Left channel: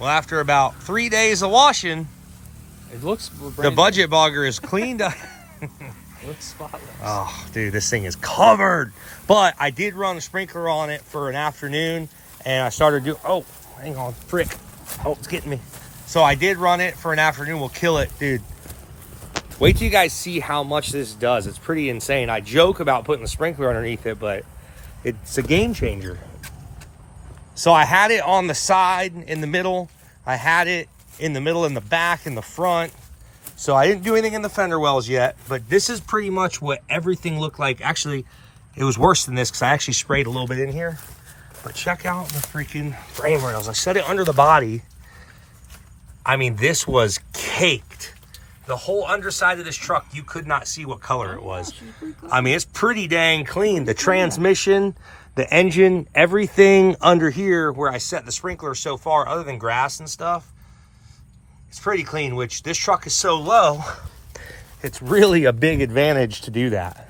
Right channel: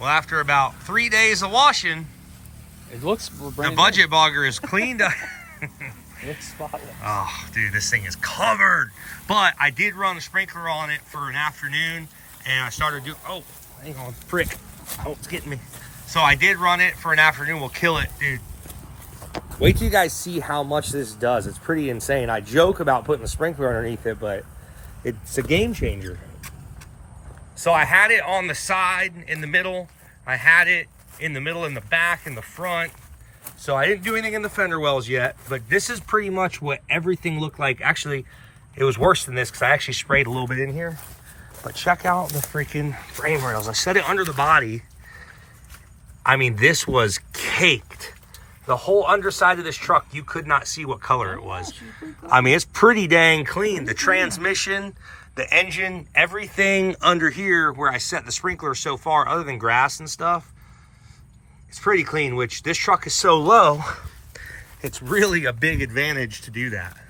Well, after about 3 days of washing, it looks the Budget Bogger is cleaned up. It's spotless. Oh, dude, this thing is covered. But I did run a sprinkler on it for an afternoon, and I started doing, oh, hang on, frick. Oh, it's getting me. So I did run it for an afternoon. We'll kill it, dude. Wait till you guys see how much this does. It's pretty insane. I joke about putting the sprinkler underneath it, but it's a game changer. So I had it on the side, in the middle. I had it in the middle, in the back, in the front. So I didn't do anything in the fender wells yet, but this is pretty much what everything looked like. Actually, it was worse than this because I actually sprayed a little bit in here. But check out the freaking frame rails. I set it under the body. I mean, this was caked. The whole underside of this truck, you could not see what color it was. I mean, it's pretty dang clean. The transmission, the engine, everything under here where I set the sprinkler so far, other than grass and stuff, it's pretty clean, which this truck is so low, it's really a big advantage to do that.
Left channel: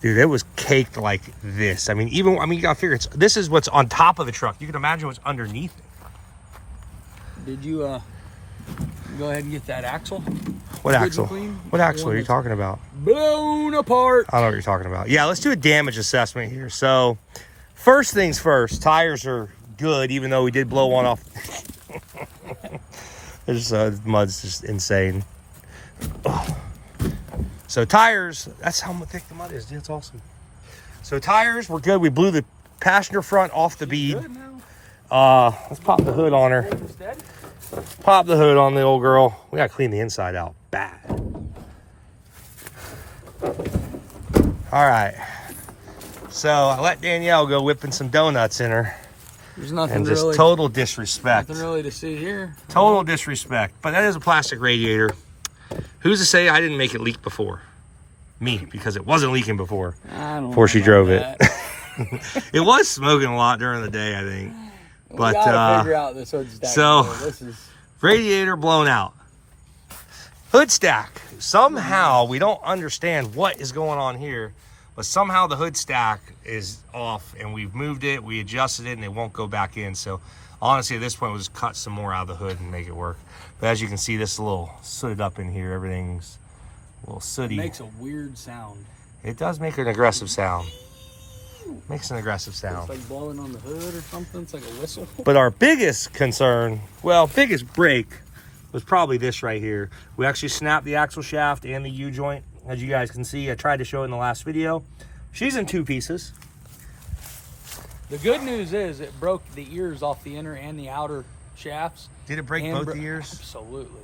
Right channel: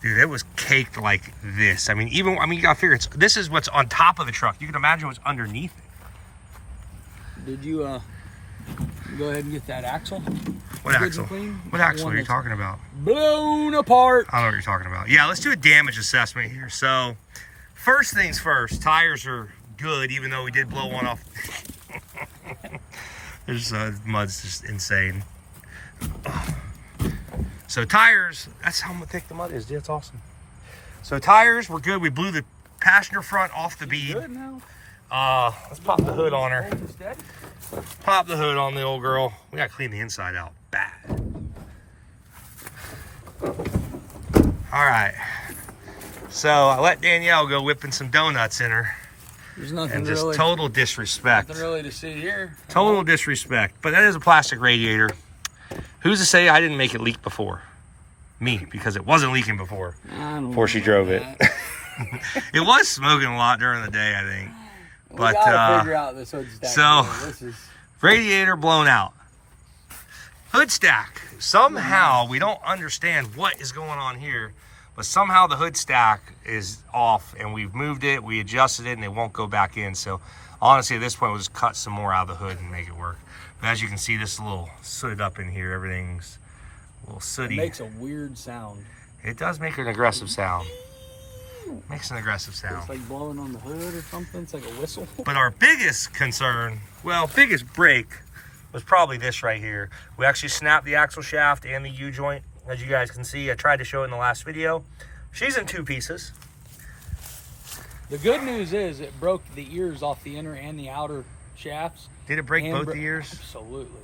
Dude, it was caked like this. I mean, you gotta figure this is what's on top of the truck. You can imagine what's underneath it. Did you go ahead and get that axle? What axle? What axle are you talking about? Blown apart. I don't know what you're talking about. Yeah, let's do a damage assessment here. So, first things first, tires are good, even though we did blow one off. There's mud's just insane. Ugh. So tires, that's how thick the mud is. That's awesome. So tires were good. We blew the passenger front off the bead. Let's pop the hood on her. Pop the hood on the old girl. We gotta clean the inside out bad. All right. So I let Danielle go whipping some donuts in her. There's nothing and just really, total disrespect. Nothing really to see here. Total disrespect. But that is a plastic radiator. Who's to say I didn't make it leak before? Me, because it wasn't leaking before. Before she drove it. It was smoking a lot during the day, I think. But figure out this hood stack. So this is... radiator blown out. Hood stack. Somehow we don't understand what is going on here, but somehow the hood stack is off, and we've moved it, we adjusted it, and it won't go back in. So honestly, at this point, we'll just cut some more out of the hood and make it work. But as you can see, this is a little sooted up in here. Everything's a little sooty. It makes a weird sound. It does make an aggressive sound. Makes an aggressive sound. It's like blowing on the hood or something. It's like a whistle. But our biggest concern, well, biggest break, was probably this right here. We actually snapped the axle shaft and the U-joint. As you guys can see, I tried to show in the last video. She's in 2 pieces. The good news is it broke the ears off the inner and the outer shafts. Did it break both the ears? Absolutely.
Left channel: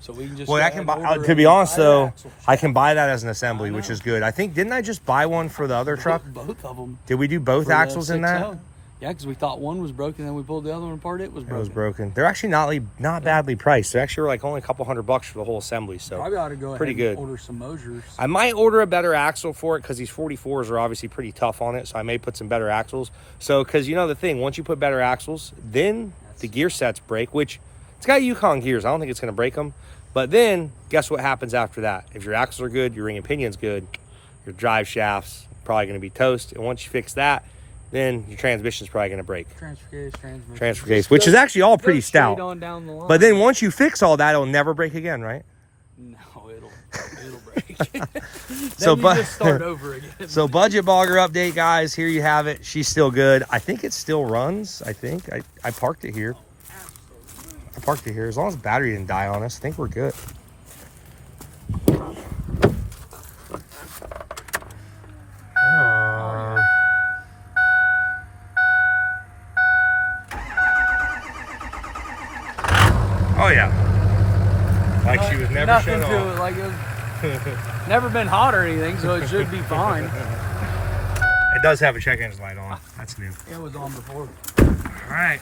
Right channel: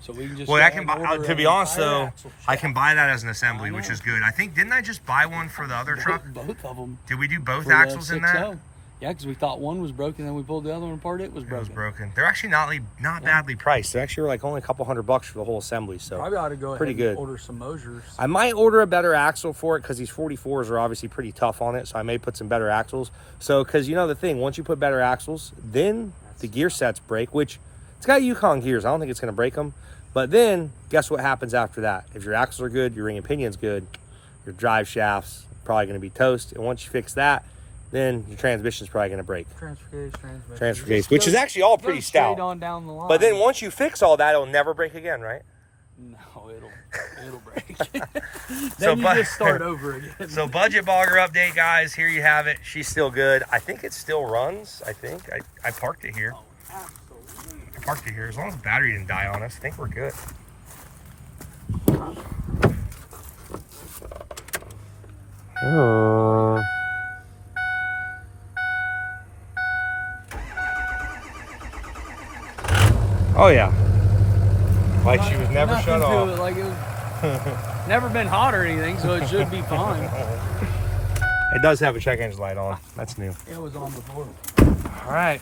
So we can just. Well, I can buy. To be honest, though, I can buy that as an assembly, which is good. I think didn't I just buy one for the other truck? Both of them. Did we do both axles in that? Yeah, because we thought one was broken, then we pulled the other one apart. It was broken. It was broken. They're actually not badly priced. They're actually like only a couple $100 for the whole assembly. So I gotta go pretty good. Order some Mosers. I might order a better axle for it because these 44s are obviously pretty tough on it. So I may put some better axles. So because you know the thing, once you put better axles, then the gear sets break, which it's got Yukon gears. I don't think it's going to break them. But then guess what happens after that? If your axles are good, your ring and pinion's good, your drive shaft's probably going to be toast. And once you fix that, then your transmission's probably going to break. Transfer case, which is actually all pretty stout. On down the line. But then once you fix all that, it'll never break again, right? No, it'll break. So then you just start over again. So Budget Bogger update, guys. Here you have it. She's still good. I think it still runs. I think I parked it here. I parked it here. As long as the battery didn't die on us, I think we're good. Oh yeah, like she was never shut off. To it, like it was never been hot or anything, so it should be fine. It does have a check engine light on. That's new. It was on before. All right.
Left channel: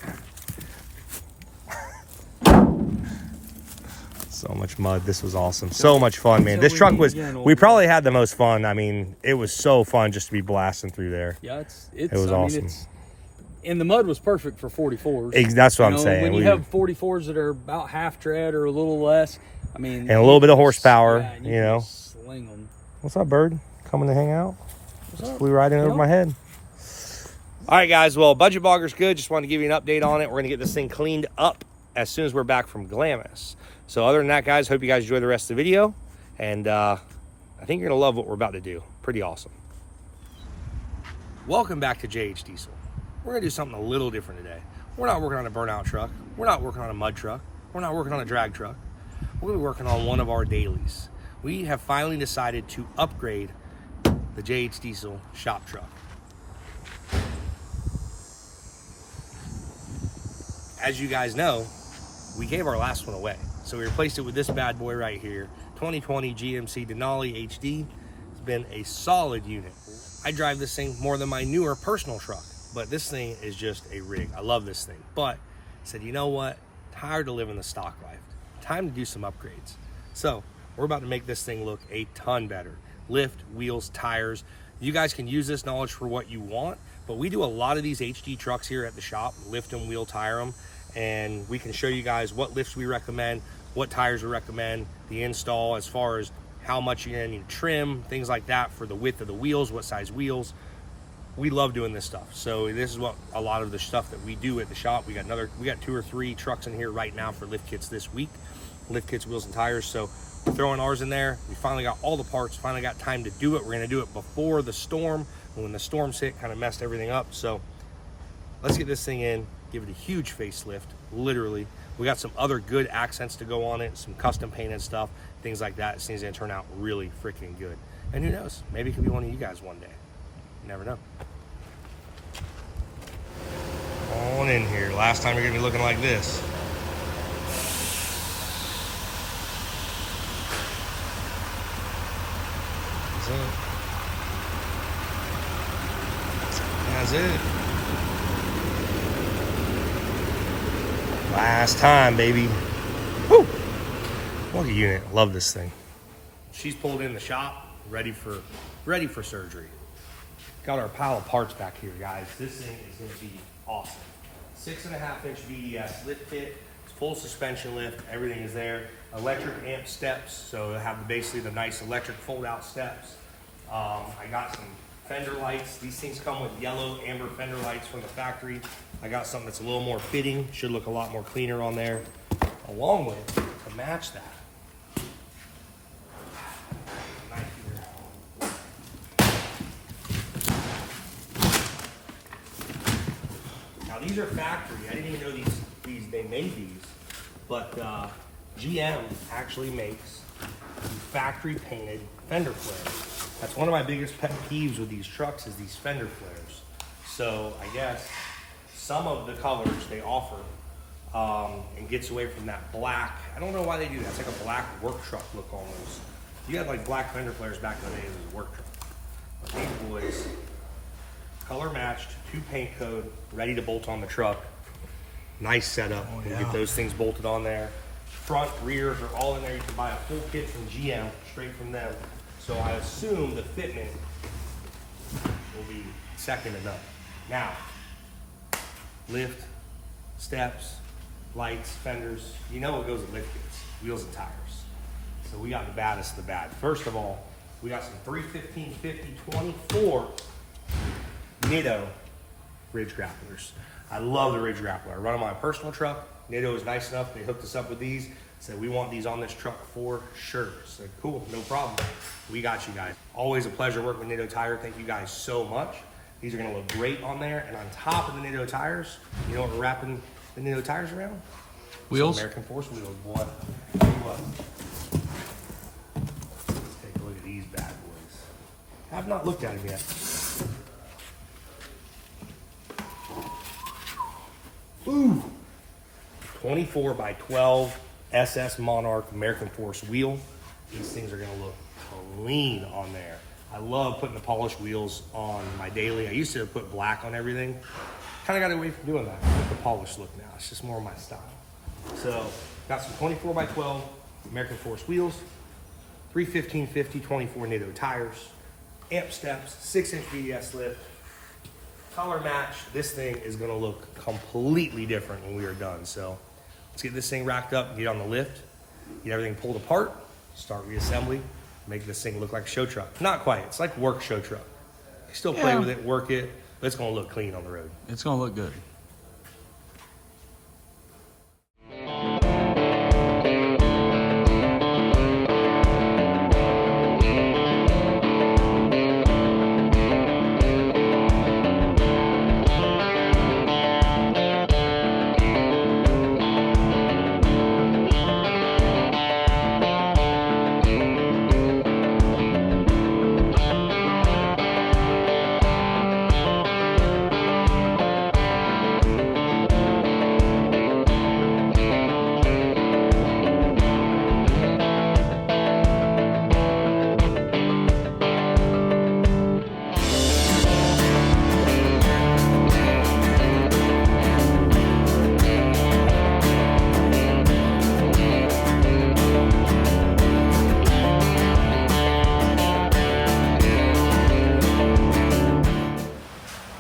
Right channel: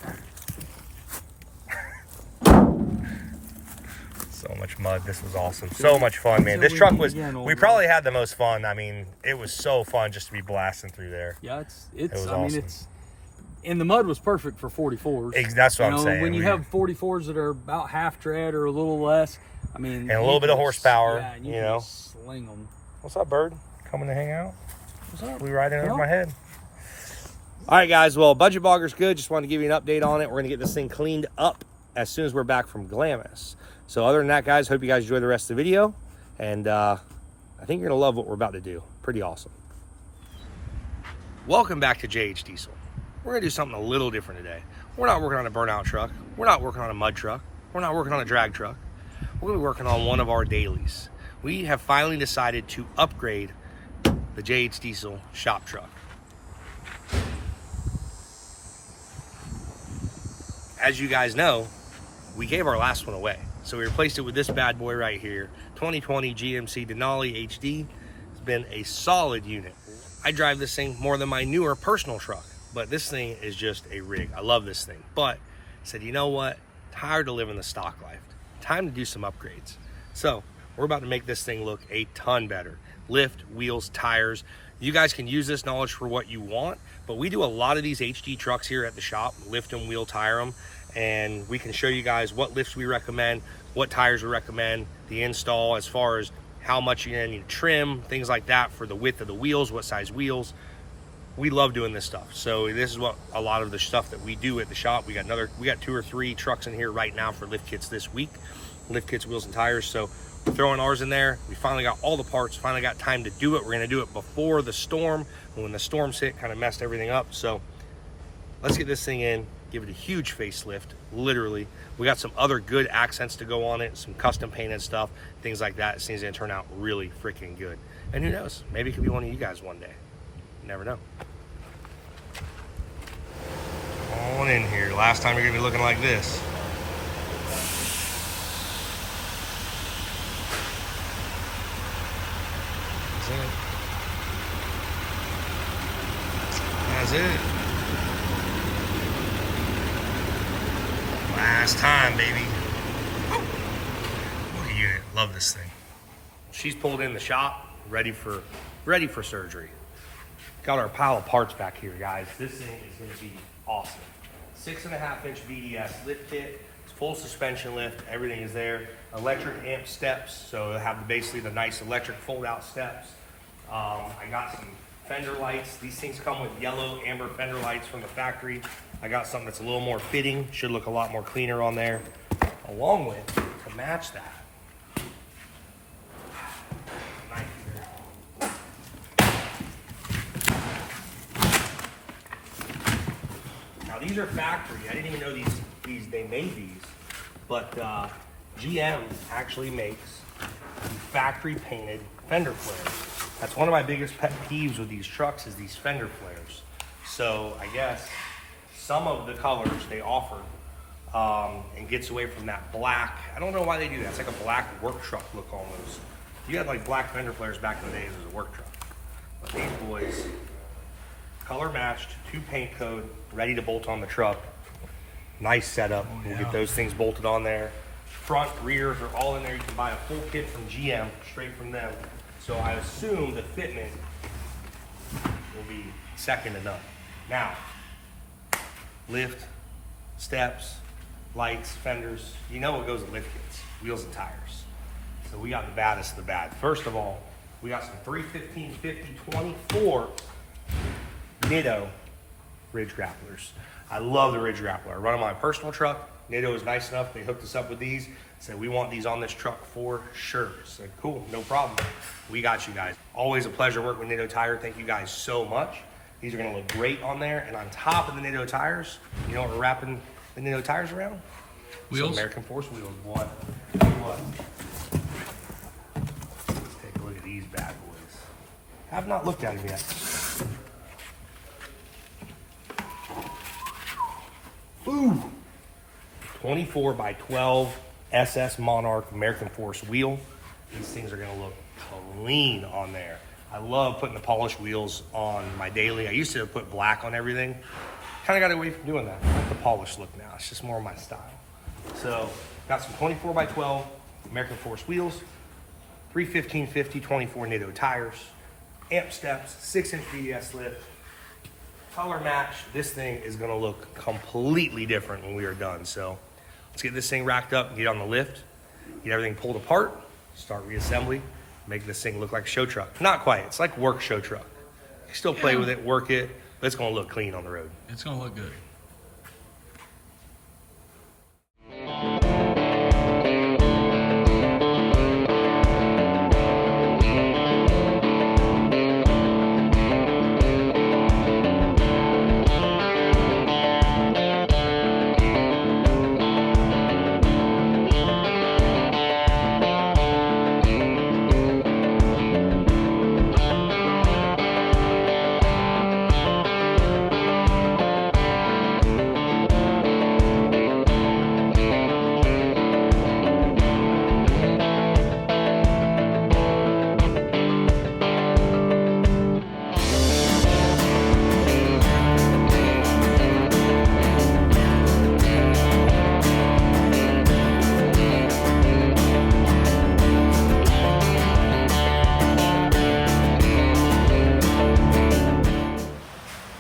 So much mud. This was awesome. So much fun, man. This truck was, we probably had the most fun. I mean, it was so fun just to be blasting through there. Yeah, it was awesome. It's, and the mud was perfect for 44s. That's what I'm saying. When you have 44s that are about half tread or a little less, I mean. And a little bit of horsepower, yeah, and you know. Sling them. What's up, bird? Coming to hang out? What's up? We riding over my head. All right, guys. Well, Budget Bogger's good. Just wanted to give you an update on it. We're going to get this thing cleaned up as soon as we're back from Glamis. So other than that, guys, hope you guys enjoy the rest of the video. And I think you're going to love what we're about to do. Pretty awesome. Welcome back to JH Diesel. We're going to do something a little different today. We're not working on a burnout truck. We're not working on a mud truck. We're not working on a drag truck. We're going to be working on one of our dailies. We have finally decided to upgrade the JH Diesel shop truck. As you guys know, we gave our last one away. So we replaced it with this bad boy right here. 2020 GMC Denali HD. It's been a solid unit. I drive this thing more than my newer personal truck, but this thing is just a rig. I love this thing. But I said, you know what? Tired of living the stock life. Time to do some upgrades. So we're about to make this thing look a ton better. Lift, wheels, tires. You guys can use this knowledge for what you want, but we do a lot of these HD trucks here at the shop, lift them, wheel, tire them, and we can show you guys what lifts we recommend, what tires we recommend, the install as far as how much you're gonna need to trim, things like that for the width of the wheels, what size wheels. We love doing this stuff. So this is what a lot of the stuff that we do at the shop. We got 2 or 3 trucks in here right now for lift kits this week, lift kits, wheels, and tires. So we're throwing ours in there. We finally got all the parts, finally got time to do it. We're gonna do it before the storm. When the storms hit, kind of messed everything up. So let's get this thing in, give it a huge facelift, literally. We got some other good accents to go on it, some custom painted stuff, things like that. This thing's gonna turn out really freaking good. And who knows, maybe it could be one of you guys one day. You never know. Come on in here. Last time you're gonna be looking like this. That's it. Last time, baby. Woo! What a unit. Love this thing. She's pulled in the shop, ready for surgery. Got our pile of parts back here, guys. This thing is gonna be awesome. 6.5-inch VDS lift kit. It's full suspension lift. Everything is there. Electric amp steps, so it'll have basically the nice electric fold-out steps. I got some fender lights. These things come with yellow amber fender lights from the factory. I got something that's a little more fitting, should look a lot more cleaner on there. Along with, to match that, knife here. Now these are factory. I didn't even know these they made these, but GM actually makes factory painted fender flares. That's one of my biggest pet peeves with these trucks is these fender flares. So I guess some of the colors they offer and gets away from that black. I don't know why they do that. It's like a black work truck look almost. You had like black fender flares back in the days as a work truck. But these boys, color matched, 2 paint code, ready to bolt on the truck. Nice setup. Oh, yeah. We'll get those things bolted on there. Front, rears are all in there. You can buy a full kit from GM, straight from them. So I assume the fitment will be second to none. Now, lift, steps, lights, fenders, you know what goes with lift kits, wheels and tires. So we got the baddest of the bad. First of all, we got some 315/50/24 Nitto ridge grapplers. I love the ridge grappler. I run on my personal truck. Nitto was nice enough, they hooked us up with these. Said, we want these on this truck for sure. Said, cool, no problem. We got you guys. Always a pleasure working with Nitto Tire. Thank you guys so much. These are gonna look great on there. And on top of the Nitto tires, you know what we're wrapping the Nitto tires around? Wheels? Some American Force wheels, boy. Tell you what. Let's take a look at these bad boys. I have not looked at them yet. Ooh. 24x12 SS Monarch American Force wheel. These things are gonna look clean on there. I love putting the polished wheels on my daily. I used to put black on everything. Kind of got away from doing that. I like the polished look now. It's just more my style. So got some 24x12 American Force wheels, 315/50/24 Nitto tires, amp steps, 6-inch VDS lift, color match. This thing is gonna look completely different when we are done. So let's get this thing racked up and get on the lift, get everything pulled apart, start reassembly, make this thing look like a show truck. Not quite, it's like work show truck. You still play with it, work it, It's gonna look clean on the road. It's gonna look good.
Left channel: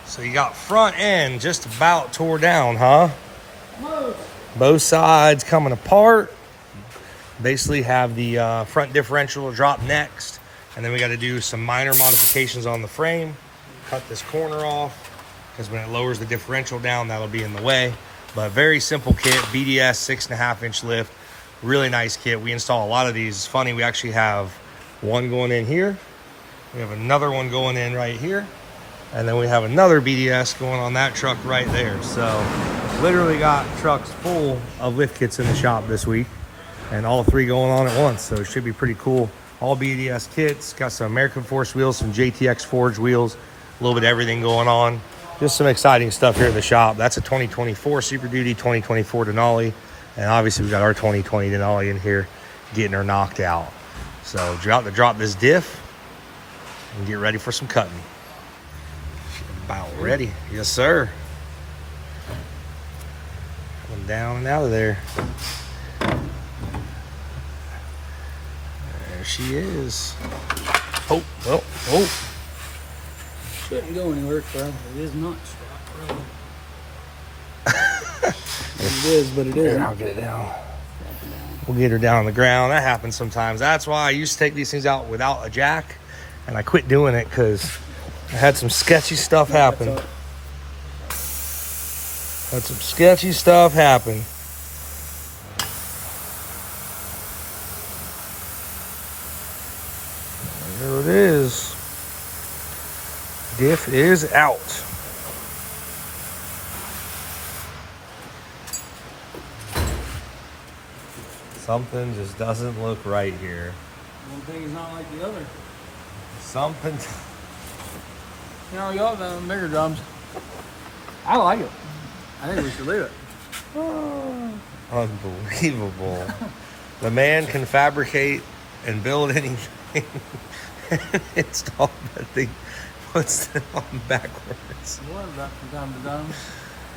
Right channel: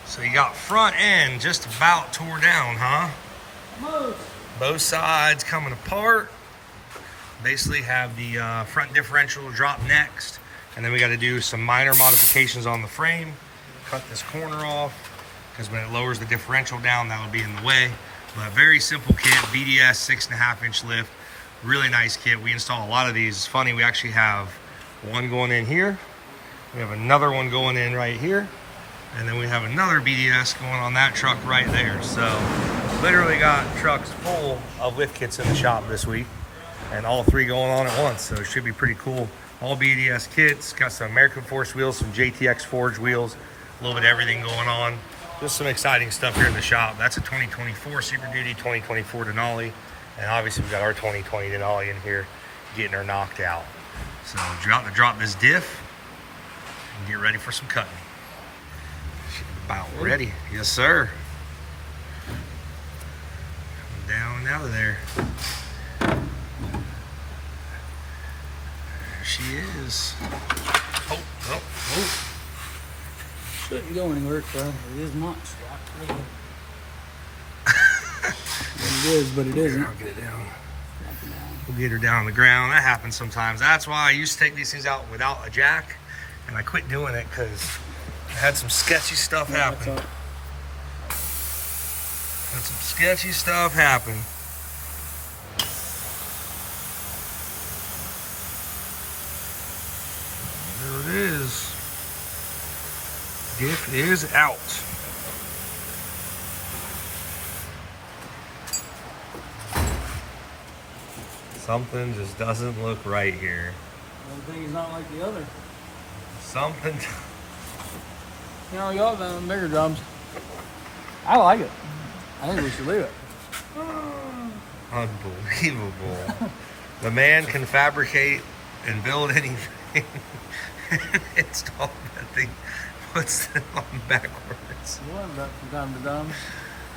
So you got front end just about tore down, huh? Both sides coming apart. Basically have the front differential drop next. And then we got to do some minor modifications on the frame. Cut this corner off, because when it lowers the differential down, that'll be in the way. But very simple kit, BDS 6.5-inch lift. Really nice kit. We install a lot of these. It's funny, we actually have one going in here. We have another one going in right here. And then we have another BDS going on that truck right there. So literally got trucks full of lift kits in the shop this week, and all three going on at once. So it should be pretty cool. All BDS kits, got some American Force wheels, some JTX Forge wheels, a little bit of everything going on. Just some exciting stuff here in the shop. That's a 2024 Super Duty, 2024 Denali. And obviously we got our 2020 Denali in here getting her knocked out. So about to drop this diff and get ready for some cutting. About ready. Yes, sir. Coming down and out of there. There she is. Oh. Shouldn't go anywhere, bro. It is not stock. It is, but it isn't. I'll get it down. We'll get her down on the ground. That happens sometimes. That's why I used to take these things out without a jack, and I quit doing it because I had some sketchy stuff happen. Had some sketchy stuff happen. There it is. Diff is out. Something just doesn't look right here. One thing's not like the other. Something. You know, y'all done bigger jobs. I like it. I think we should leave it. Unbelievable. The man can fabricate and build anything. Install that thing. Puts it on backwards. From time to time.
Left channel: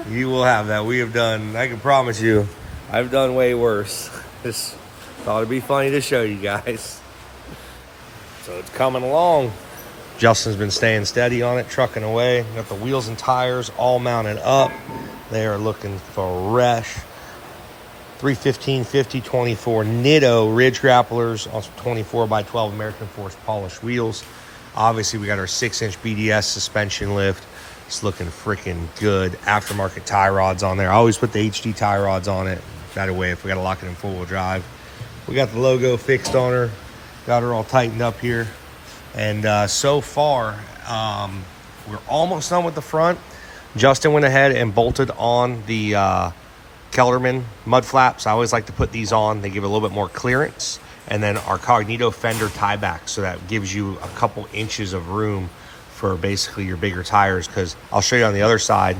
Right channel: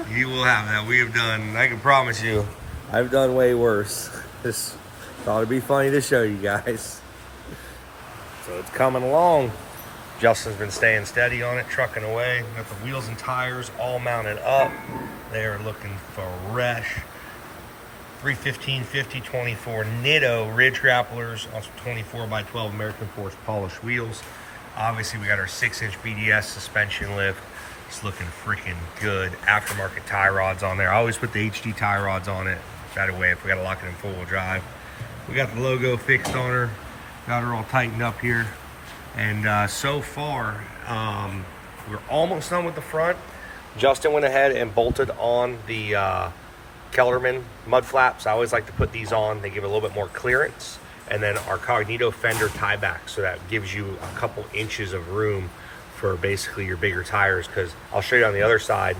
You will have that. We have done, I can promise you, I've done way worse. Just thought it'd be funny to show you guys. So it's coming along. Justin's been staying steady on it, trucking away. Got the wheels and tires all mounted up. They are looking fresh. 315/50/24 Nitto ridge grapplers, also 24x12 American Force polished wheels. Obviously, we got our 6-inch BDS suspension lift. It's looking freaking good. Aftermarket tie rods on there. I always put the HD tie rods on it. That way, if we got to lock it in full-wheel drive. We got the logo fixed on her. Got her all tightened up here. And so far, we're almost done with the front. Justin went ahead and bolted on the Kellerman mud flaps. I always like to put these on. They give a little bit more clearance. And then our Cognito fender tie back. So that gives you a couple inches of room for basically your bigger tires. Because I'll show you on the other side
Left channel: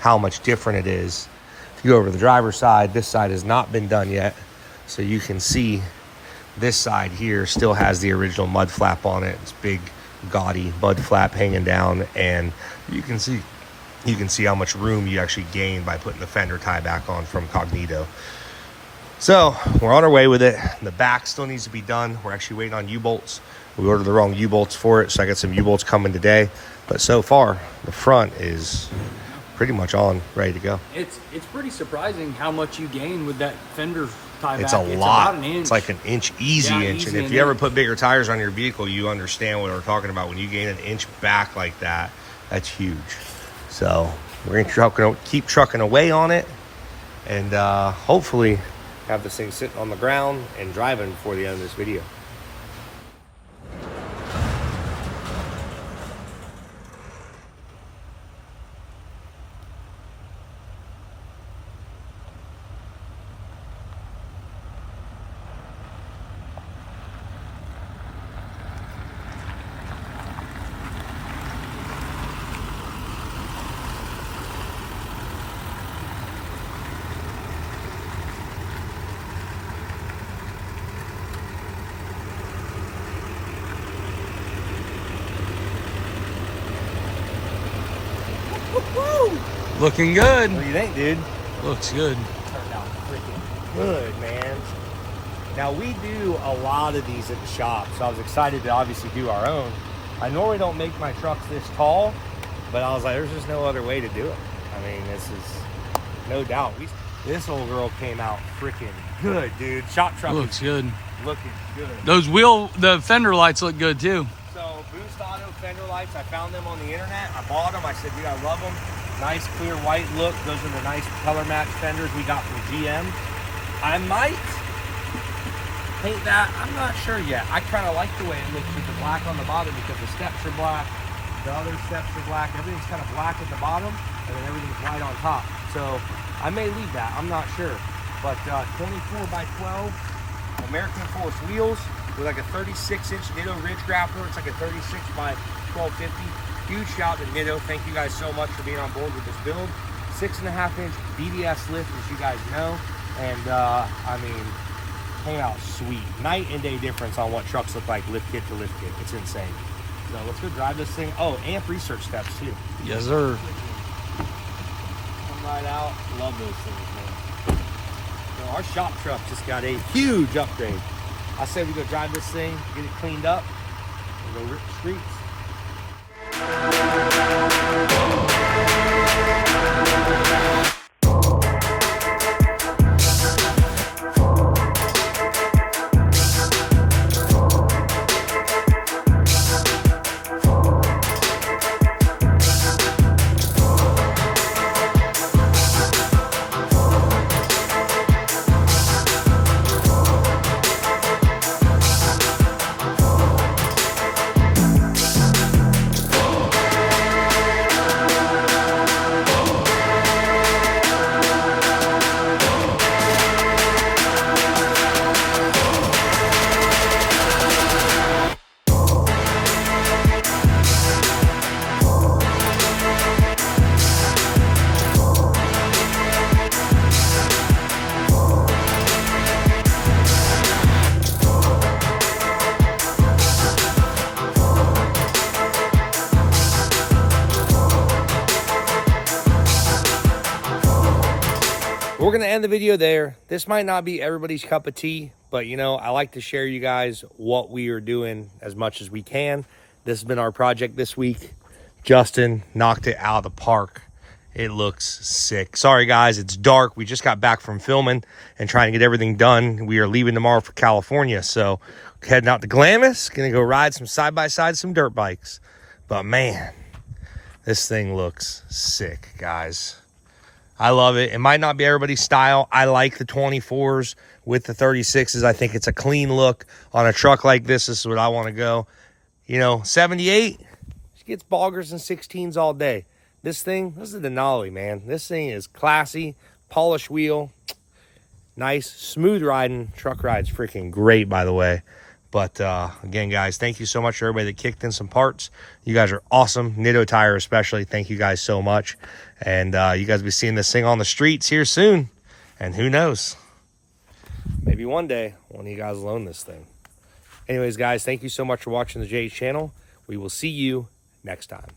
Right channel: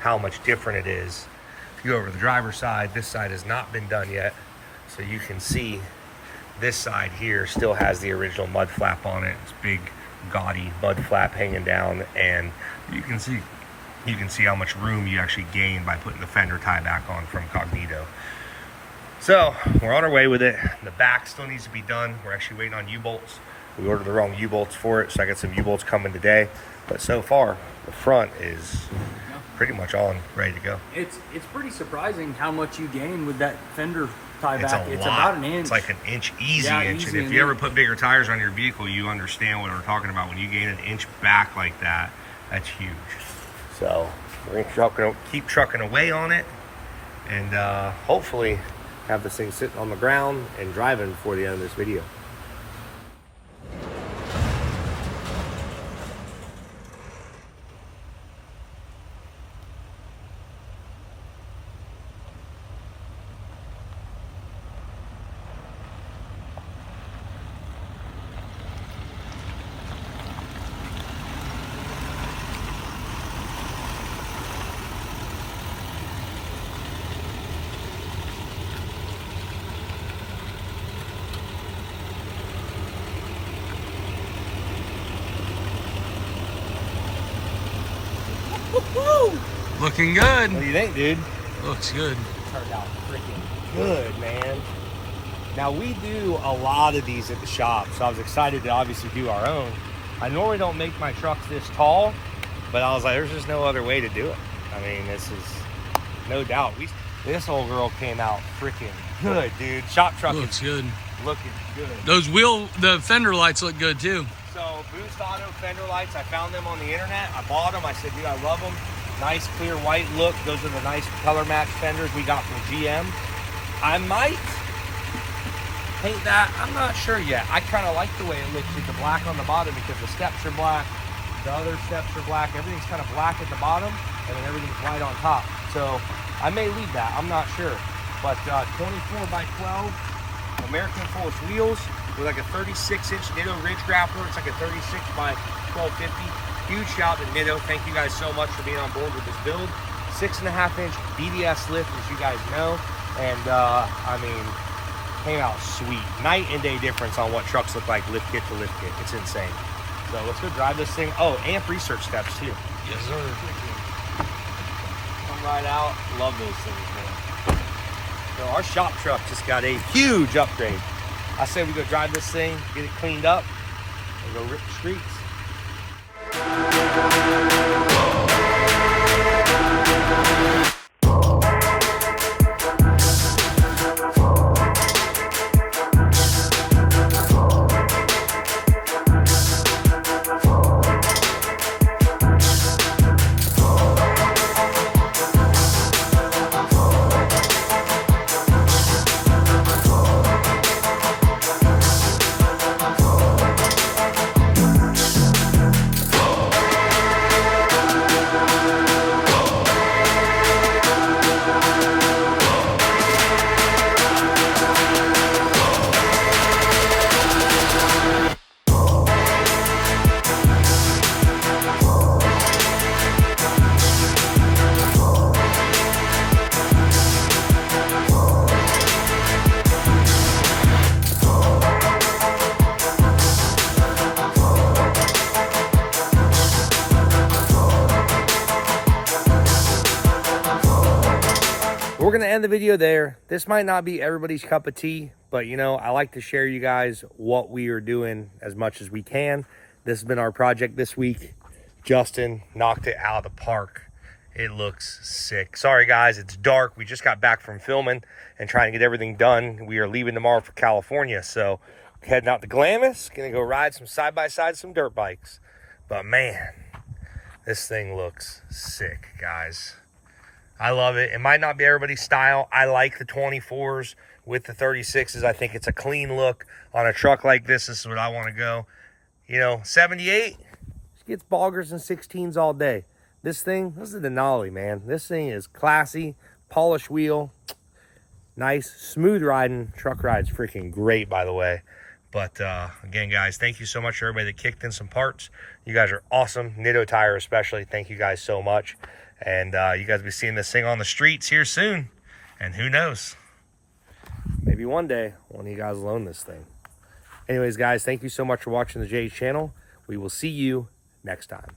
how much different it is. If you go over to the driver's side, this side has not been done yet. So you can see this side here still has the original mud flap on it. It's big, gaudy mud flap hanging down. And you can see how much room you actually gain by putting the fender tie back on from Cognito. So we're on our way with it. The back still needs to be done. We're actually waiting on U-bolts. We ordered the wrong U-bolts for it, so I got some U-bolts coming today. But so far, the front is pretty much on, ready to go. It's pretty surprising how much you gain with that fender tie It's back. a It's lot. about an inch. It's like an inch, easy Yeah, inch. easy And if you ever put bigger tires on your vehicle, you understand what we're talking about. When you gain an inch back like that, that's huge. So we're gonna keep trucking away on it, and hopefully have this thing sitting on the ground and driving before the end of this video. Looking good. What do you think, dude? Looks good. Turned out freaking good, man. Now, we do a lot of these at the shop, so I was excited to obviously do our own. I normally don't make my trucks this tall, but I was like, there's just no other way to do it. I mean, this is no doubt. This old girl came out freaking good, dude. Shop truck Looks good. looking good. The fender lights look good too. So, Boost Auto fender lights, I found them on the internet. I bought them. I said, dude, I love them. Nice clear white look. Those are the nice color match fenders we got from GM. I might paint that. I'm not sure yet. I kind of like the way it looks with the black on the bottom because the steps are black, the other steps are black. Everything's kind of black at the bottom, and then everything's white on top. So I may leave that. I'm not sure. But 24 by 12 American Force wheels with like a 36-inch Nitto ridge grappler. It's like a 36 by 1250. Huge shout to Nitto. Thank you guys so much for being on board with this build. 6.5-inch BBS lift, as you guys know. And, I mean, came out sweet. Night and day difference on what trucks look like lift kit to lift kit. It's insane. So let's go drive this thing. Oh, amp research steps, too. Yes, sir. Come right out. Love those things, man. So our shop truck just got a huge upgrade. I say we go drive this thing, get it cleaned up, and go rip the streets. We're going to end the video there. This might not be everybody's cup of tea, but you know, I like to share you guys what we are doing as much as we can. This has been our project this week. Justin knocked it out of the park. It looks sick. Sorry guys, it's dark. We just got back from filming and trying to get everything done. We are leaving tomorrow for California, so heading out to Glamis. Gonna go ride some side-by-side, some dirt bikes. But man, this thing looks sick, guys. I love it. It might not be everybody's style. I like the 24s with the 36s. I think it's a clean look on a truck like this. This is what I want to go. You know, 78 just gets boggers and 16s all day. This thing, this is the Denali, man. This thing is classy, polished wheel, nice, smooth riding. Truck ride's freaking great, by the way. But again, guys, thank you so much for everybody that kicked in some parts. You guys are awesome. Nitto Tire especially. Thank you guys so much. And you guys will be seeing this thing on the streets here soon. And who knows? Maybe one day, one of you guys will own this thing. Anyways, guys, thank you so much for watching the Jay's channel. We will see you next time.